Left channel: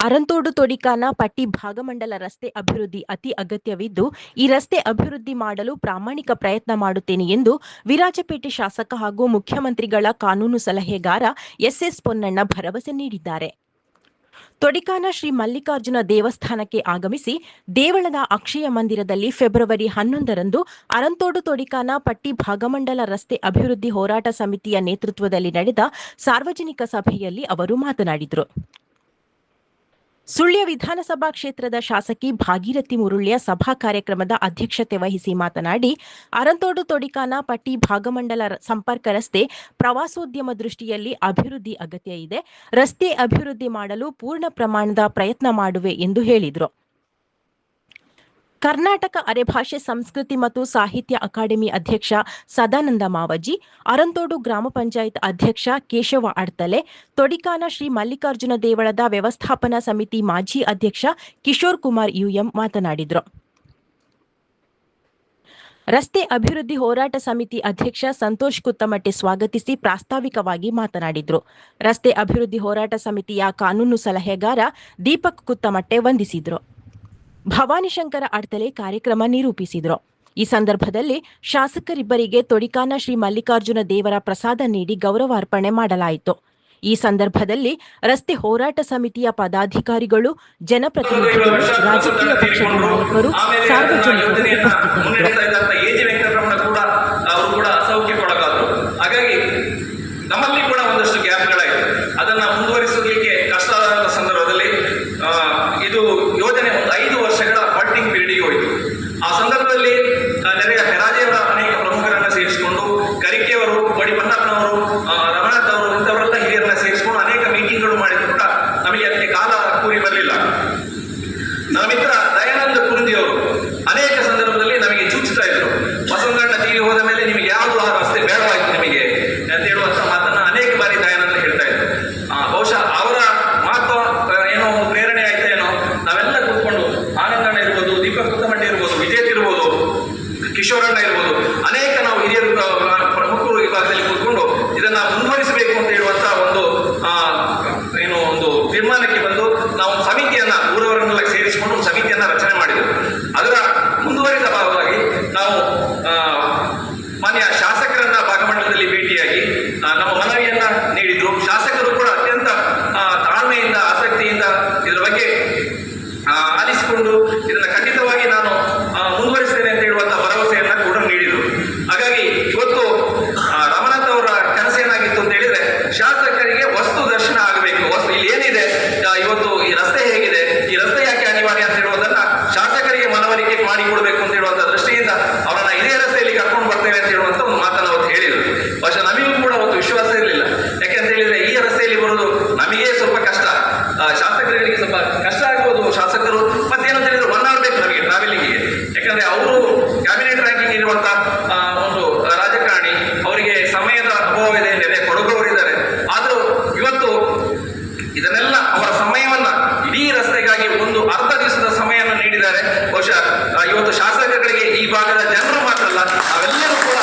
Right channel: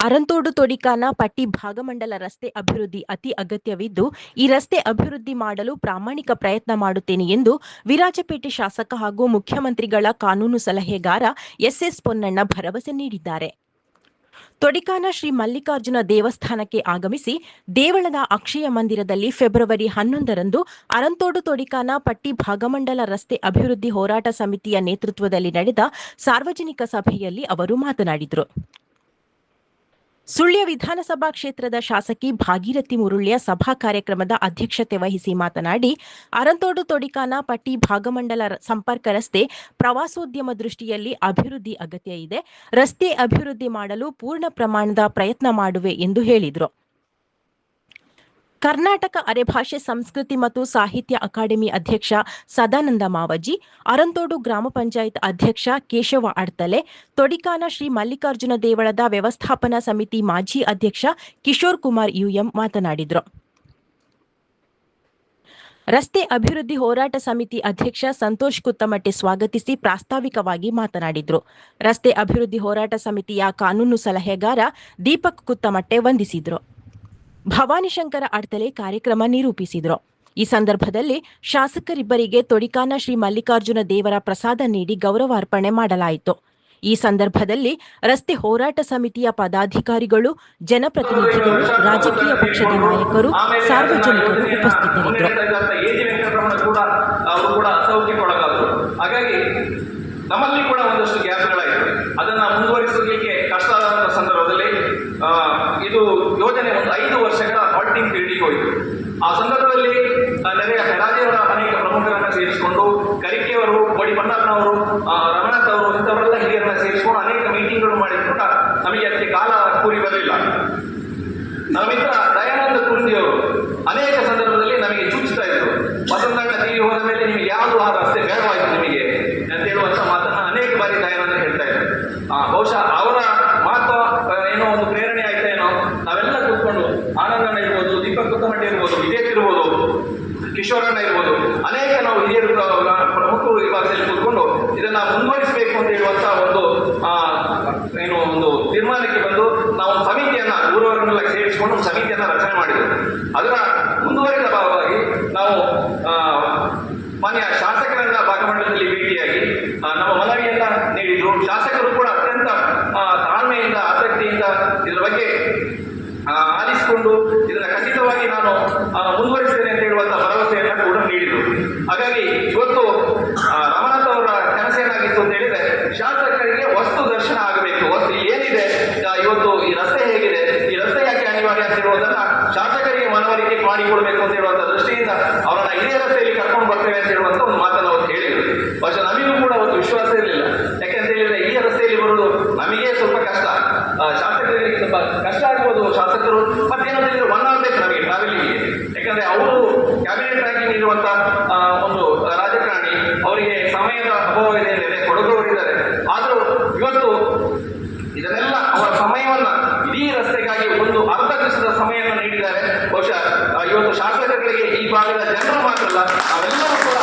ಅರಂತೋಡು ತೊಡಿಕಾನ ಪಟ್ಟಿ ಭಾಗಮಂಡಲ ರಸ್ತೆ ಅಭಿವೃದ್ಧಿ ಅತಿ ಅಗತ್ಯವಿದ್ದು, ಈ ರಸ್ತೆ ಅಭಿವೃದ್ಧಿ ಮಾಡಲು ಪ್ರಾಮಾಣಿಕ ಪ್ರಯತ್ನ ಮಾಡುತ್ತೇನೆ ಎಂದು ವಿರಾಜಪೇಟೆ ಶಾಸಕ ಹಾಗೂ ಮುಖ್ಯಮಂತ್ರಿಗಳ ಕಾನೂನು ಸಲಹೆಗಾರ ಎಸ್ಎಸ್ ಪೊನ್ನಣ್ಣ ಭರವಸೆ ನೀಡಿದ್ದಾರೆ. ತೊಡಿಕಾನ ಶ್ರೀ ಮಲ್ಲಿಕಾರ್ಜುನ ದೇವಸ್ಥಾನಕ್ಕೆ ಆಗಮಿಸಿ ದೇವಳದ ಅಕ್ಷಯ ಮಂದಿರದಲ್ಲಿ ಫೆಬ್ರವರಿ ಹನ್ನೊಂದರಂದು ಅರಂತೋಡು ತೊಡಿಕಾನ ಪಟ್ಟಿ ಭಾಗಮಂಡಲ ರಸ್ತೆ ಅಭಿವೃದ್ಧಿ ಹೋರಾಟ ಸಮಿತಿಯ ನೇತೃತ್ವದಲ್ಲಿ ನಡೆದ ಸಾರ್ವಜನಿಕ ಸಭೆಯಲ್ಲಿ ಅವರು ಮಾತನಾಡಿದರು. ಸುಳ್ಯ ವಿಧಾನಸಭಾ ಕ್ಷೇತ್ರದ ಶಾಸಕಿ ಭಾಗೀರಥಿ ಮುರುಳ್ಯ ಸಭಾ ಕಾರ್ಯಕ್ರಮದ ಅಧ್ಯಕ್ಷತೆ ವಹಿಸಿ ಮಾತನಾಡಿ, ಅರಂತೋಡು ತೊಡಿಕಾನ ಪಟ್ಟಿ ಭಾಗಮಂಡಲ ಸಂಪರ್ಕ ರಸ್ತೆ ಪ್ರವಾಸೋದ್ಯಮ ದೃಷ್ಟಿಯಲ್ಲಿ ಅಭಿವೃದ್ಧಿ ಅಗತ್ಯ ಇದೆ. ರಸ್ತೆ ಅಭಿವೃದ್ಧಿ ಮಾಡಲು ಪೂರ್ಣ ಪ್ರಮಾಣದ ಪ್ರಯತ್ನ ಮಾಡುವೆ ಎಂದು ಹೇಳಿದರು. ಕರ್ನಾಟಕ ಅರೆಭಾಷೆ, ಸಂಸ್ಕೃತಿ ಮತ್ತು ಸಾಹಿತ್ಯ ಅಕಾಡೆಮಿ ಅಧ್ಯಕ್ಷ ಸದಾನಂದ ಮಾವಜಿ, ಅರಂತೋಡು ಗ್ರಾಮ ಪಂಚಾಯತ್ ಅಧ್ಯಕ್ಷ ಕೇಶವ ಅಡ್ತಲೆ, ತೊಡಿಕಾನ ಶ್ರೀ ಮಲ್ಲಿಕಾರ್ಜುನ ದೇವಳದ ವ್ಯವಸ್ಥಾಪನಾ ಸಮಿತಿ ಮಾಜಿ ಅಧ್ಯಕ್ಷ ಕಿಶೋರ್ ಕುಮಾರ್ ಯುಎಂ ಮಾತನಾಡಿದರು. ರಸ್ತೆ ಅಭಿವೃದ್ಧಿ ಹೋರಾಟ ಸಮಿತಿ ಅಧ್ಯಕ್ಷ ಸಂತೋಷ್ ಕುತ್ತಮಟ್ಟೆ ಸ್ವಾಗತಿಸಿ ಪ್ರಾಸ್ತಾವಿಕವಾಗಿ ಮಾತನಾಡಿದರು. ರಸ್ತೆ ಅಭಿವೃದ್ಧಿ ಹೋರಾಟ ಸಮಿತಿಯ ಕಾನೂನು ಸಲಹೆಗಾರ ದೀಪಕ್ ಕುತ್ತಮಟ್ಟೆ ವಂದಿಸಿದರು. ಭವಾನಿ ಶಂಕರ ಅಡ್ತಲೆ ಕಾರ್ಯಕ್ರಮ ನಿರೂಪಿಸಿದರು. ಈ ಸಂದರ್ಭದಲ್ಲಿ ಶಾಸಕರಿಬ್ಬರಿಗೆ ತೊಡಿಕಾನ ಶ್ರೀ ಮಲ್ಲಿಕಾರ್ಜುನ ದೇವರ ಪ್ರಸಾದ ನೀಡಿ ಗೌರವಾರ್ಪಣೆ ಮಾಡಲಾಯಿತು. ಈ ಸಂದರ್ಭದಲ್ಲಿ ರಸ್ತೆ ಹೋರಾಟ ಸಮಿತಿಯ ಪದಾಧಿಕಾರಿಗಳು, ಜನಪ್ರತಿನಿಧಿಗಳು, ರಾಜಕೀಯ ಪಕ್ಷದ ನಾಯಕರು, ಸಾರ್ವಜನಿಕರು ಉಪಸ್ಥಿತರಿದ್ದರು. ಹಾಗಾಗಿ ನಮ್ಮಲ್ಲಿ ಕೂಡ ಒಂದಷ್ಟು ಗ್ಯಾಪ್ಗಳಾಯಿತು. ಅದನ್ನು ಮುಂದುವರಿಸಲಿಕ್ಕೆ ನಾವು ಮಾನ್ಯ ಶಾಸಕರನ್ನ ಭಾಗಮಂಡಲದಲ್ಲಿ ಭೇಟಿಯಾಗಿ ನಮ್ಮ ಮನವಿಯನ್ನ ನೀಡಿದ್ರು ಶಾಸಕರು ಕೂಡ ಅತ್ಯಂತ ತಾಳ್ಮೆಯಿಂದ, ಆಸಕ್ತಿಯಿಂದ ಇದರ ಬಗ್ಗೆ ಆಲಿಸಿಕೊಂಡು ಇದನ್ನ ಖಂಡಿತವಾಗಿ ನಾನು ಮುಂದುವರಿಸ್ತೇನೆ ಅಂತ ಹೇಳುವಂತಹ ಭರವಸೆಯನ್ನ ಕೂಡ ನೀಡಿದರು. ಹಾಗಾಗಿ ಇವತ್ತು ರಮನಾಥ್ ಅವರ ಕನಸೇನಾಗಿತ್ತು ಅಂತ ಹೇಳಿದ್ರೆ, ಶಾಸಕರಿಗೆ ವಸ್ತು ದರ್ಶನ ಆಗಬೇಕು. ವಸ್ತು ಏನಿದೆ? ಇವತ್ತು ಈ ರಸ್ತೆ ಹೇಗಿದೆ? ಈ ರಸ್ತೆ ಯಾಕೆ ಅನಿವಾರ್ಯ ಅಂತ ಹೇಳುವುದನ್ನ ಶಾಸಕರಿಗೆ ಮನವರಿಕೆ ಮಾಡಿಕೊಡ್ಬೇಕು ಅಂತ ಹೇಳುವಂತ ದೃಷ್ಟಿಯಿಂದ ಅವರನ್ನ ಇದೇ ರಸ್ತೆಯಲ್ಲಿ ಕರ್ಕೊಂಡು ಬರ್ತೇವೆ ಅಂತ ಹೇಳುವಂತ ಒಂದು ಮಾತನ್ನ ಅವತ್ತು ಹೇಳಿದರು ಬಹುಶಃ ನಮಗೂ ಕೂಡ ಅವತ್ತು ವಿಶ್ವಾಸ ಇರಲಿಲ್ಲ ಯಾಕೆಂತ ಹೇಳಿದ್ರೆ ಈ ರಸ್ತೆಯಲ್ಲಿ ಬರೋದು ನಮಗೆ ಸ್ವಲ್ಪ ಕಷ್ಟ ಆ, ಶಾಸಕರಿಗೆ ಸ್ವಲ್ಪ ಕಷ್ಟ ಆಗ್ಬೋದು ಶಾಸಕರು ಮತ್ತೇನಂತ ಹೇಳಿದ್ರೆ ಒನ್ ಅವರ್ ಬೇಕು ನಮಗೆ ಟ್ರಾವೆಲಿಂಗ್ಗೆ ಯಾಕಂದ್ರೆ ಅವರು ಕ್ಯಾಬಿನೆಟ್ ರ್ಯಾಂಕಿಂಗ್ ಇರುವಂತ ಆ, ಒಂದು ರಾಜಕಾರಣಿ ಅವರಿಗೆ ಸಮಯದ ಅಭಾವ ಇದೆ ನೆರೆ ಕೊಡಗುವವರಿದ್ದಾರೆ ಆದರೂ ಇವತ್ತು ಇದನ್ನೆಲ್ಲ ಅವರ ಸಮಯವನ್ನ ಇಡೀ ಒಂದು ಅರ್ಧ ದಿವಸದ ಸಮಯವನ್ನು ನೀಡಿದ್ದಾರೆ. ಬಹುಶಃ ಇವತ್ತು ಶಾಸಕರಿಗೆ ಈ ಭಾಗದ ಜನರು ಮಾತ್ರ ಅಲ್ಲ, ನಾವೆಲ್ಲರೂ ಕೂಡ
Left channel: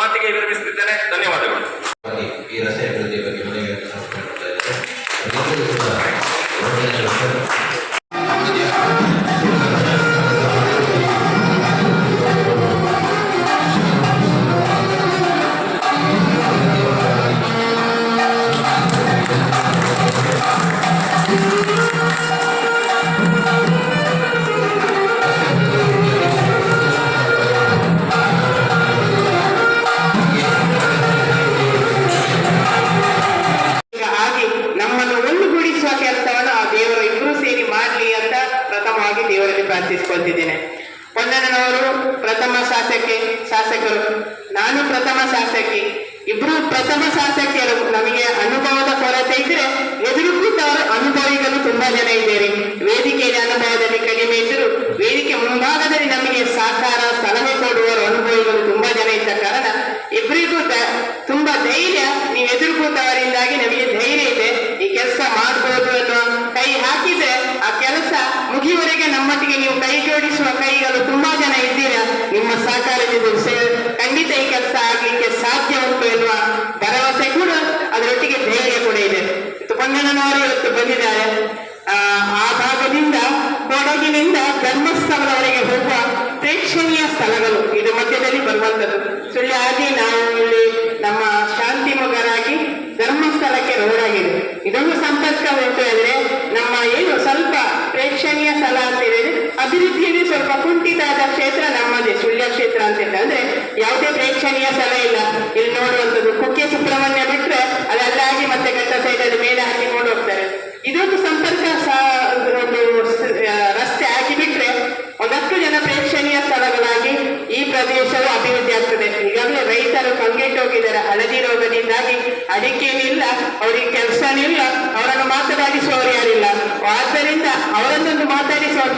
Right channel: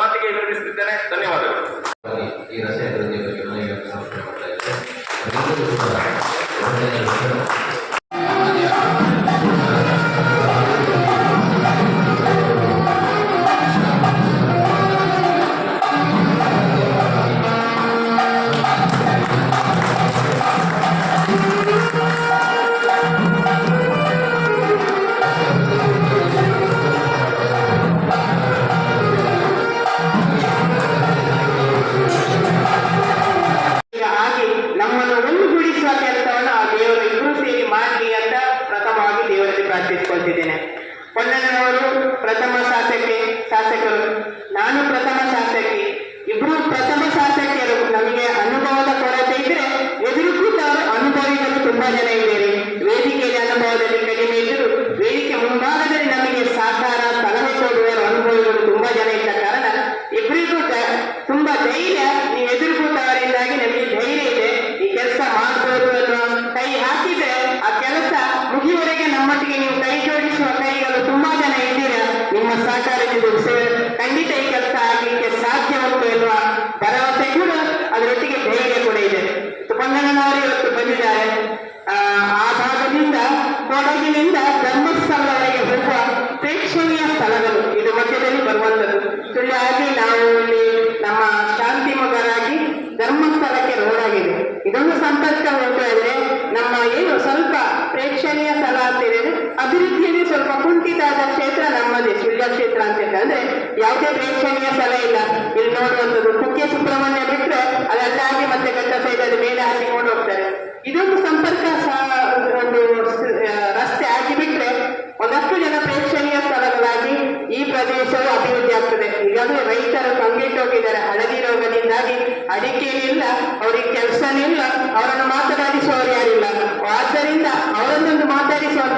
வார்த்தை கேட்கறது ತುಂಬಾ ಜನ ಇದ್ದೇವೆ ವೇದಿಕೆಯಲ್ಲಿ ಅನುಭವದಲ್ಲಿ ಕಡಿಮೆ ಇದ್ದರು ವೇದಿಕೆ ಮುಂಭಾಗದಲ್ಲಿ ನಮಗೆ ಸಹಕಾರ ಸಲಹೆ ಕೊಡುವವರು ಅನುಭವಿಗಳು ತುಂಬಾ ಜನ ಇದ್ದ ಕಾರಣ ಇಬ್ಬರಿಗೂ ತುಂಬಾ ಧೈರ್ಯ ನೀವು ಎದುರು ಕೂತವರಿಂದಾಗಿ ನಮಗೆ ಧೈರ್ಯ ಇದೆ. ಈ ಕೆಲಸ ಮಾಡಬಹುದು ಅನ್ನುವ ಕೈ ಹಾಕಿದ್ರೆ ಆ ಕೆಲಸ ಮುಗಿಯುವರೆಗೆ ನಮ್ಮೊಟ್ಟಿಗೆ ನೀವು ಕೈ ಜೋಡಿಸುವ ಕೈಗಳು ತುಂಬಾ ಜನ ಇದ್ದೀರಾ? ನಿಮ್ಮ ಸಹಕಾರದಿಂದ ಖಂಡಿತ ಈ ಕೆಲಸ ಆಗ್ಲಿಕ್ಕೆ ಸಾಧ್ಯ ಉಂಟು ಎನ್ನುವ ಭರವಸೆ ಕೂಡ ಅದರೊಟ್ಟಿಗೆ ಧೈರ್ಯ ಕೂಡ ಇದೆ. ಇವತ್ತು ಪೊನ್ನಣ್ಣನವರು ಇವತ್ತು ಬಂದಿದ್ದಾರೆ. ಭಾಗದಿಂದ ಕೊಡಗಿನಿಂದ ಧರ್ಮಸ್ಥಳದವರೆಗೆ ಹೋಗುವ ಪ್ರೇಕ್ಷಣೀಯ ಸ್ಥಳಗಳು ಇದು ಮಧ್ಯದಲ್ಲಿ ಬರುವಂತದ್ದು ಸುಳ್ಳಿಯಾಗಿ ನಾವು ಇಲ್ಲಿ ನಮ್ಮ ಶಾಂತಿ ಮಗರಾಗಿ ಧರ್ಮಸ್ಥಳಕ್ಕೆ ರೋಡ್ ಆಗಿದೆ ಇದೊಂದು ಸಂಪರ್ಕ ಉಂಟು ಅಂದ್ರೆ ನಮ್ಮ ಏನು ಸ್ವಲ್ಪ ಪ್ರೇಕ್ಷಣೀಯ ಸ್ಥಳ ಅಂತ ಹೇಳಿದ್ರೆ ಅಭಿವೃದ್ಧಿಯಲ್ಲಿ ಸ್ವಲ್ಪ ಕುಂಠಿತಾದ ಕ್ಷೇತ್ರ ನಮ್ಮದೇ ಸುಳ್ಯ ಕ್ಷೇತ್ರ ಅಂತ ಹೇಳಿ ಅಂದ್ರೆ ಯಾವುದೇ ಪ್ರೇಕ್ಷಣೀಯ ಸ್ಥಳ ಇಲ್ಲ. ಇಲ್ಲಿ ನೋಡುವಂಥದ್ದು ಕುಕ್ಕೆ ಸುಬ್ರಹ್ಮಣ್ಯ ಬಿಟ್ರೆ ಅದಲ್ಲಾಗಿ ಮತ್ತೆ ಘಟ್ಟ ಸೈಡಲ್ಲಿ ಮೇಲೆ ಹಾಕಿ ಹೋಗ್ತಾರೆ ಇದೊಂದು ಸಂಪರ್ಕ ಸ- ಒಂದು ಸ- ಆ, ರಸ್ತೆ ಹಾಕಿ ಬಿಟ್ರೆ ಒಂದಷ್ಟು ಜನ ಪ್ರೇಕ್ಷಣೀಯ ಸ್ಥಳಗಳಾಗಿ ಈ ಪ್ರದೇಶವು ಅಭಿವೃದ್ಧಿ ಆಗ್ತದೆ. ಈಗಾಗಲೇ ರೈತರು ಕಂಗೆಟ್ಟೋಗಿದ್ದಾರೆ ಹಳದಿ ರೋಗದಿಂದಾಗಿ ಅಡಿಕೆನಿಲ್ಲ, ಅವರಿಗೆ ಕೆಲಸನಿಲ್ಲ, ಅವರನ್ನು ಮಾತನಾಡಿಸುವವರು ಯಾರಿಲ್ಲ. ಆದ್ದರಿಂದ ಅವರನ್ನೊಂದು ಮಾತಾಡಿಸುವಂತ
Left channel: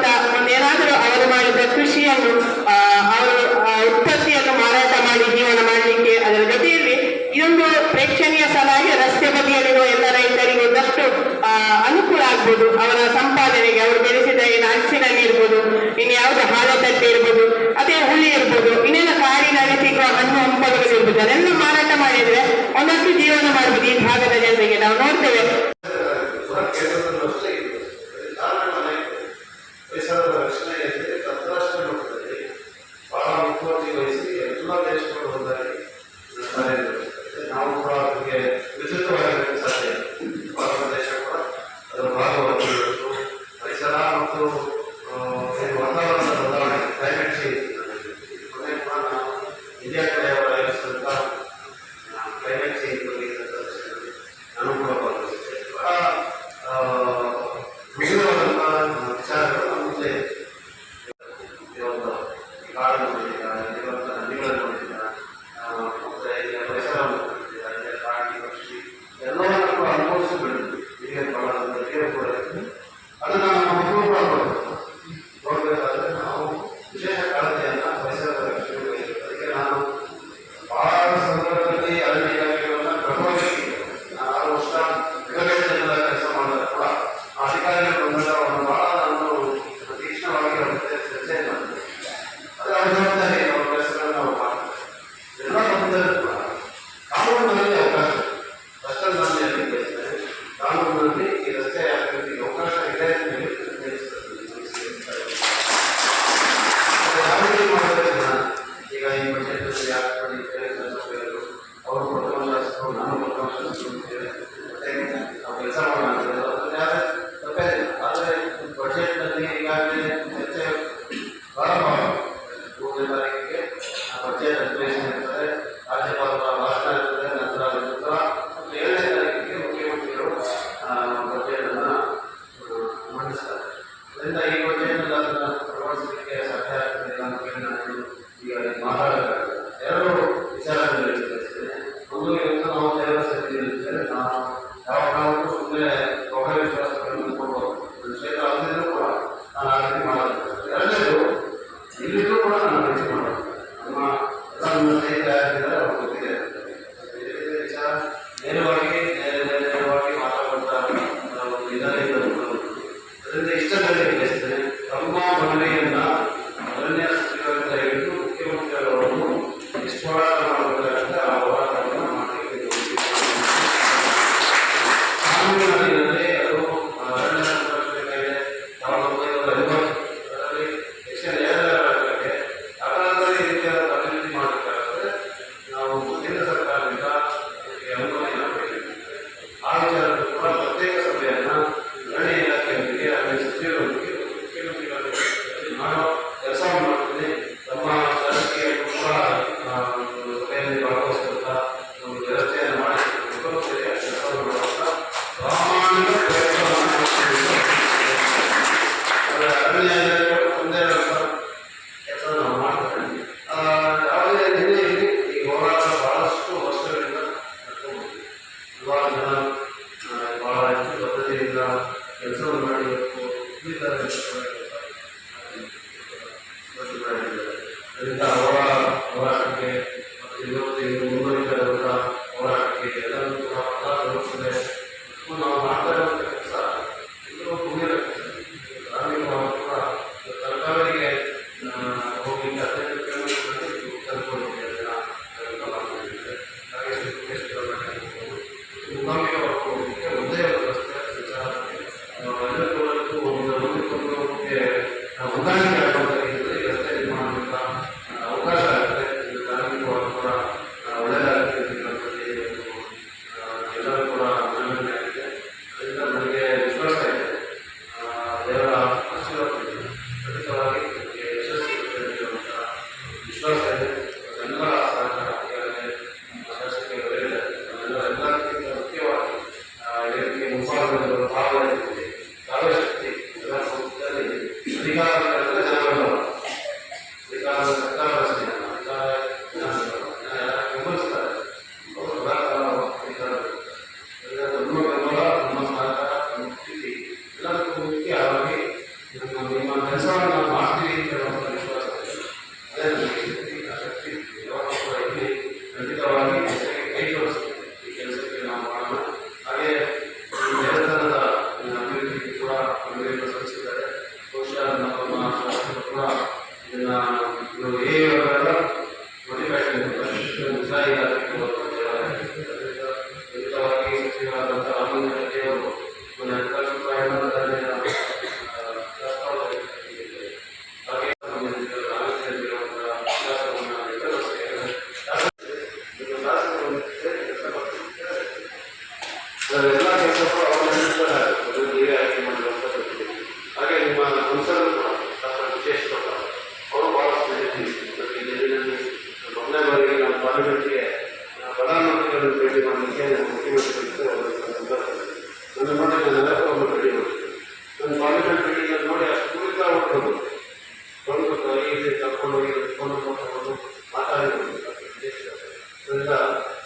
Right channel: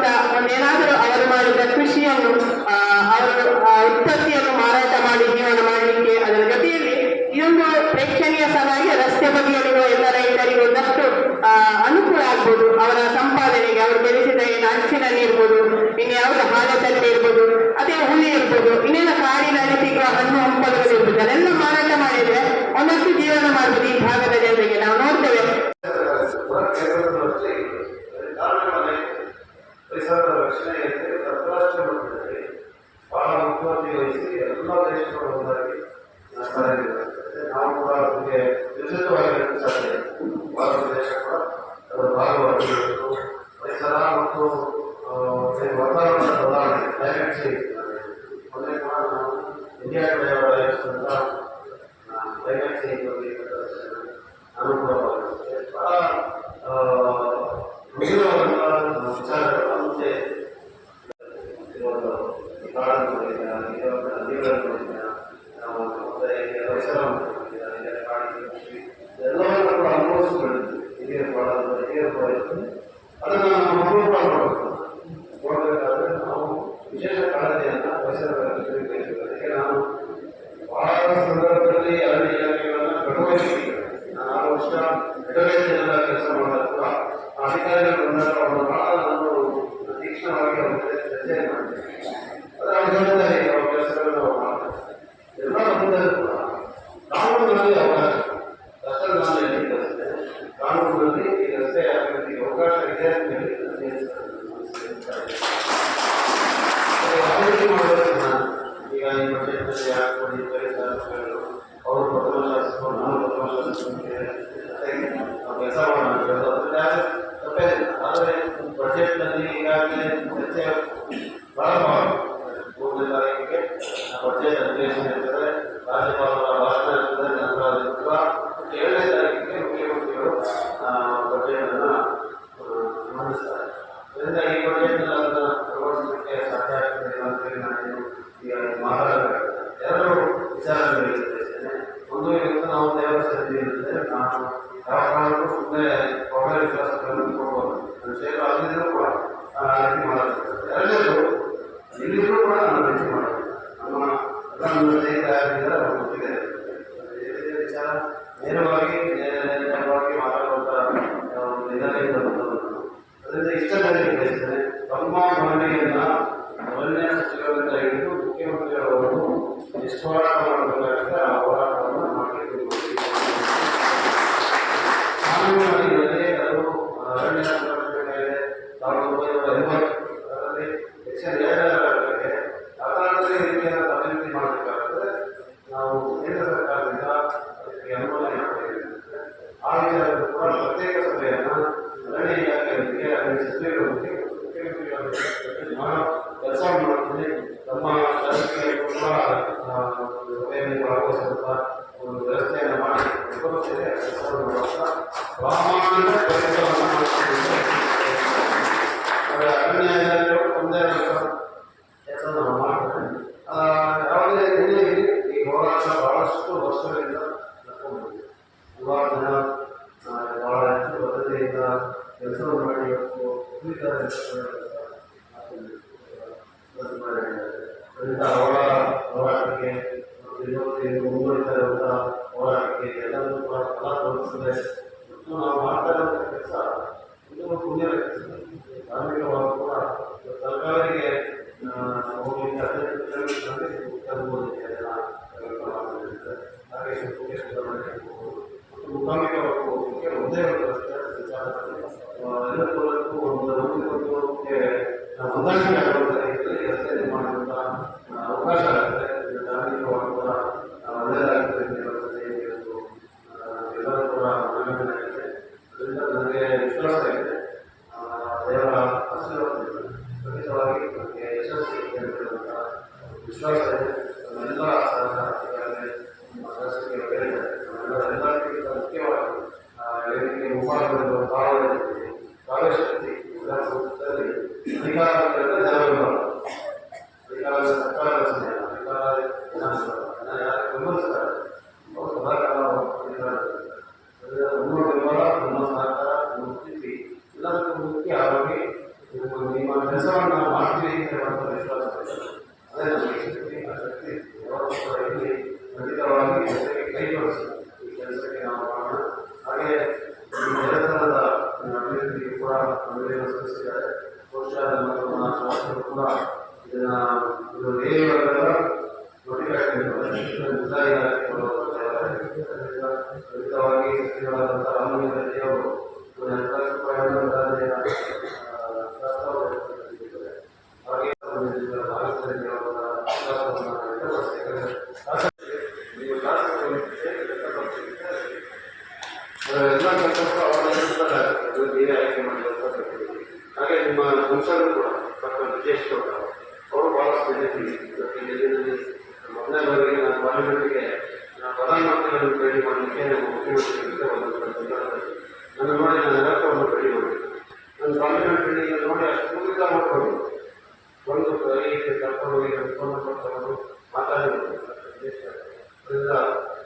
ಅದರಿಂದ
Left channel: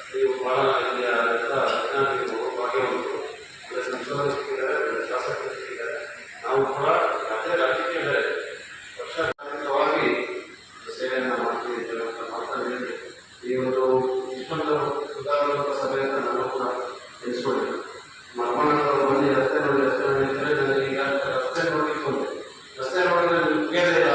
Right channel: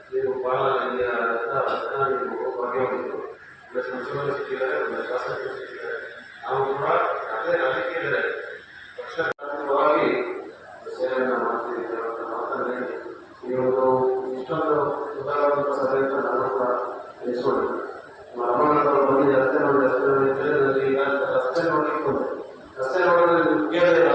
ನೀವು ಭಾಳ ಆಗಿದೆ ಅಂತ ಮುಖ ಪಡೆಯೋದು ಒಳ್ಳೆಯ ಸಂಶೋಧನ ಸಿಕ್ಕಿದ್ದಾರೆ ಒಳ್ಳೆಯ ಶಾಸಕ ಸಿಕ್ಕಿದ್ದಾರೆ ಅವನು ಭಾಳ ಮತ್ತೆ ರಾಜ್ಯಕ್ಕೆ ಇದ್ದಾರೆ ವರ್ಷಾಮಿಕವಾಗಿ ಸರಿಯನ್ನು ಮಾಡಿ ಈ ಒಂದು ಇನ್ನೊಂದು ಸುಧಾರವಾದಂಥ ಸಭೆಯನ್ನು ಕೂಡ ಎಣ್ಸೋಣ ಅಮ್ಮನಿಗೆ ರಸ್ತೆ ನಾವು ಹೆಸರು ಇದ್ದರೆ ನಮಗೆ ಈಗ ರಸ್ತೆ ನೋಡಿ ರಸ್ತೆ ನೋಡಿ